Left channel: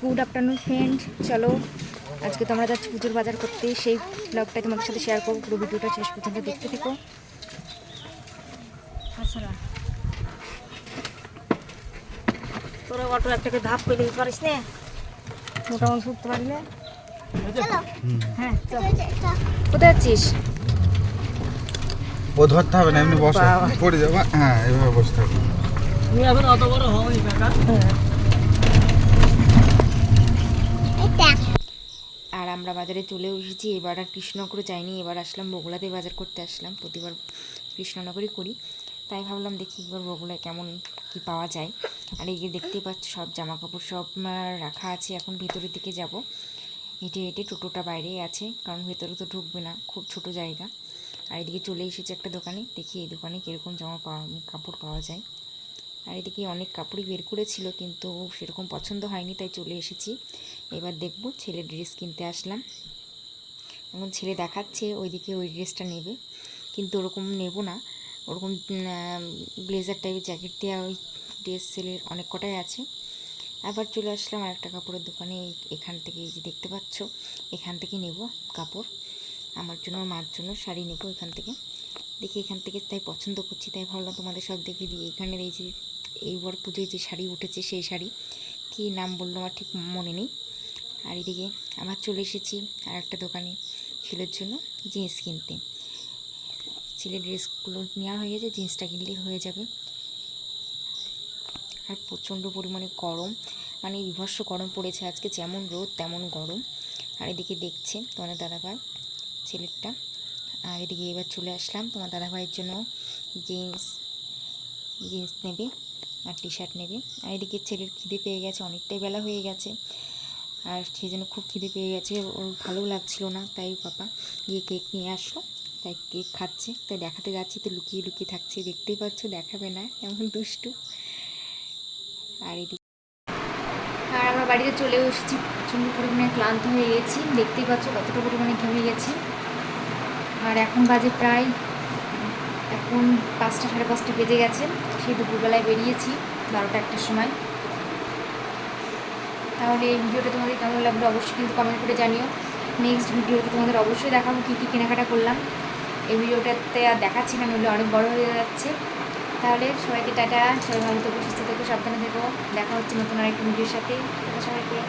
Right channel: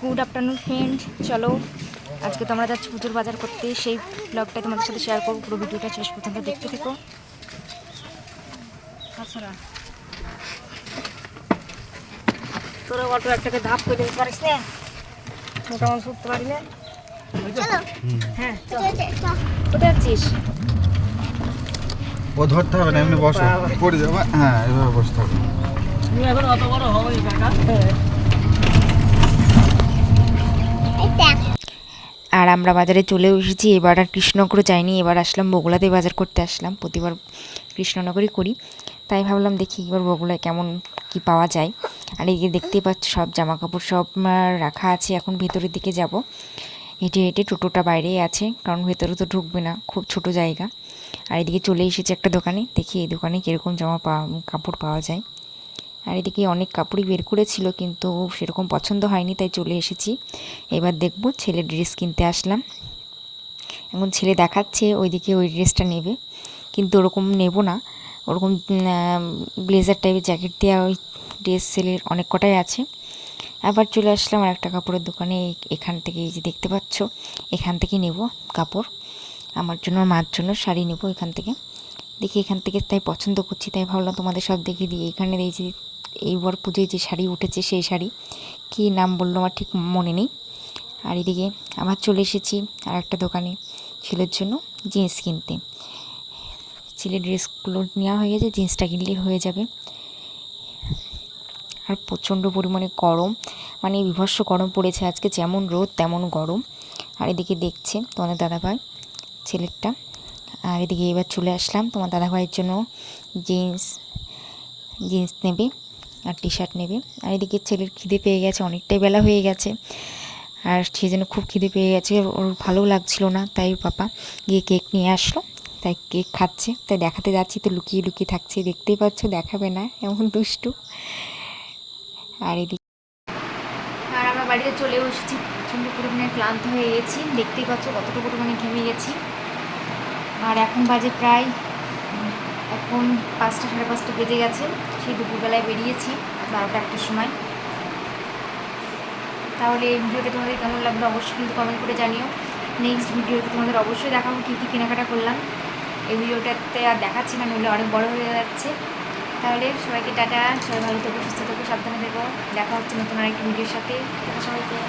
Good afternoon friend চলো আজকে তোমরা যাচ্ছ পুজোর বাজার করতে। সেই ব্লগটাই তোমাদের সাথে শেয়ার করব। পুরো ভিডিওটা শেষ পর্যন্ত দেখতে থেকো। তোরা অটো একটাকে ধাপ করে দিতে পারিস না? মোটামুটি উঠতে পারি না? হ্যাঁ চল। কোথায় যাচ্ছিস? ও ধরতে হবে না এমনি বসো। পড়ে যাবে। হ্যাঁ এভাবে বসতে হবে। আর আমরা বাজারে চলেও এসেছি। এবার আর কৃষ্ণনগর যাইনি, এবার আসলাম বগুলাতে বাজার করতে আসলাম। প্রতিবার কৃষ্ণনগরই করি। তাই ভাবলাম দেখি এবার বগুলায় কেমন কি পাওয়া যায়। আর এদিকে দেখতেই পাচ্ছ, সব জামা কাপড় সব রাখা আছে। এখন ভেতরের দিকে যাব। হেঁটে হেঁটে টোটোটা বাইরেই আছে, কারণ ভেতরে তো ঢুকবে না, খুব ছোট জায়গা। আর এদিকে চলে এসেছে একটা দোকানে, দেখি এই দোকানে কীরকম জামা পাওয়া কাপড় পাওয়া যায়। আর এদিকে অনেক কাপড়ই বের করেছিল, কিন্তু সেরকম পছন্দ হয়নি, তাই চলে এসেছি। এবার দেখব ছেলের ড্রেস কিনতে আসলাম। এখন ছেলে দেখাচ্ছে, ওইদিকে ওই ড্রেসটা নেবে। কিন্তু ওরকম নেব না। ওরকম ব্লেজার টাইপের জ্যাকেট দেওয়া ওই ড্রেস ছেলের অনেক কটাই আছে। আবার চলে আসলাম আর একটা কাপড়ের দোকানে এখান থেকে এই যে দেখতে পাচ্ছ, এখান থেকে নেব কাপড়। আমার জন্য মার জন্য শাড়ি নেব এখান থেকে। দেখি এখান থেকে তাই পছন্দ করছি, তাই ভাবলাম তোমাদের সব দেখিয়ে দিই। এখানে এই যে এইবার পুজোয় যে শাড়ি উঠেছে সেই শাড়ি। কী নাম বলল আমার ঠিক মনে নেই। আর এদিকে আবার চলে এসেছি আর একটা দোকানে ছেলের জন্য জিন্স কিনতে। ছেলের ড্রেসগুলো নেওয়া হয়ে গেছে, জিন্সটা কিনলেই হয়ে যাবে। আর প্রচণ্ড পরিমাণে গরম মানে বিভৎস গরম পড়েছে আজকে, যেমন রোদ তেমন গরম। আর এদিকে দেখছে তোমাদের দাদাভাই ছেলেরটা। আর এদিকে এবার চলে আসলাম তোমার দাদাভাইয়ের জন্য জিন্স জিন্স নেবে। আর টি শার্ট নেবে। আর এদিকে ছেলের খিদে পেয়ে গেছে, অনেকটাই বেলা হয়ে গেছে। আর সেই জন্য খুব খিদে পেয়ে গেছে, ওর ভালো লাগছিল না, তাই পাপা গিয়ে কেক নিয়ে আসলো, তাই কেক খাচ্ছে। তাই দেখাতে যাচ্ছি, তো লুকিয়ে লুকিয়ে থাকছে, দেখতেই পাচ্ছ, দেখাবে না, এমন দুষ্টু। আর এদিকে আর আমরা বাড়িতে চলেও এসেছি, প্রচণ্ড পরিমাণে ক্লান্ত হয়ে গেছি, দেখতেই পাচ্ছ কতটা পরিমাণে ঘেমে গেছি। আর এখন বাজে প্রায় এখন পাঁচটা সাড়ে পাঁচটা বেজে গেছে, সেই দুপুরবেলায় বেরিয়েছি বারোটা একটার সময়। তাহলে এই ভিডিওটা তোমাদের কেমন লাগল অবশ্যই কিন্তু কমেন্ট করে জানিও। নেক্সট ভিডিওতে তোমাদের অবশ্যই দেখাবো কী কী কেনাকাটা করলাম। এই ভিডিওটাতে আর দেখাচ্ছি না, নইলে অনেক বড় হয়ে যাচ্ছে। তাহলে সবাইকে টাটা, সবাই ভালো থেকো, সুস্থ থেকো, সাবধানে থেকো। দেখা হচ্ছে নতুন আরেকটি ভিডিওর সাথে। সবাইকে।